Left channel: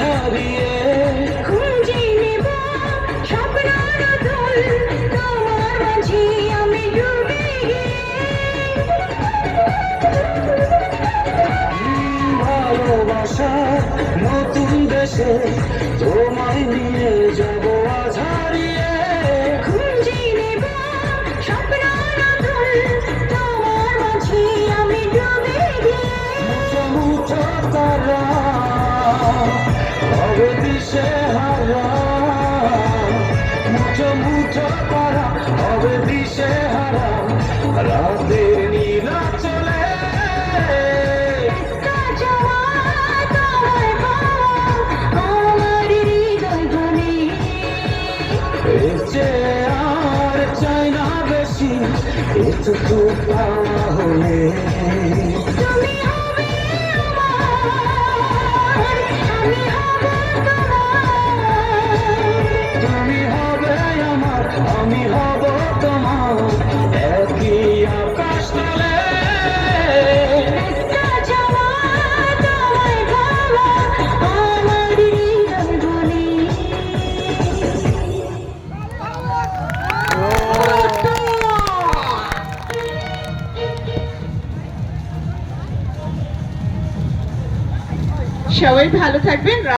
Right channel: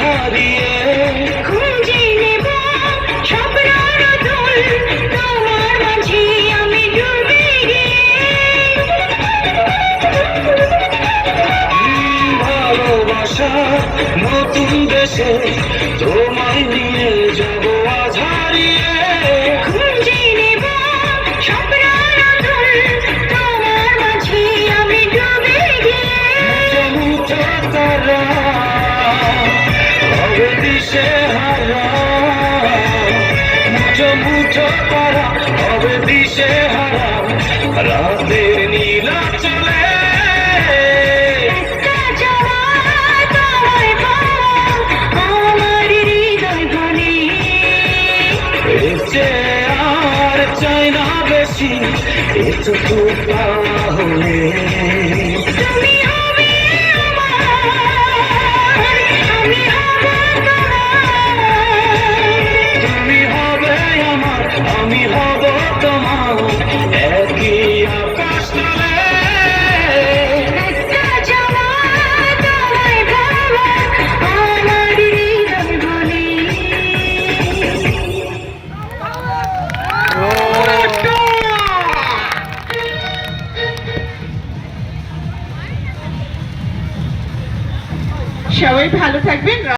হারিয়ে খুঁজে নেব স্বপ্নের আদল তোমার মাঝে আমি ডুবে ভালোবাসা নতুন দেশে তোমায় নিয়ে যাব আজ হারিয়ে খুঁজে নেব স্বপ্নের আদল তোমার মাঝে আমি ডুবে মুঠো মুঠো তারা হবে দিশে হারা মুঠো মুঠো তারা হবে দিশে হারা রাতের নীলা চলে আমার হৃদয় বলে এসে আর চাই না বেশি এটুকু পাওয়া হলে তুমি হবে আমি হব তুমি হবে আমার আমি হব তোমার একই আকাশ তলে আমার হৃদয় বলে সবাই ভালো থাকবেন।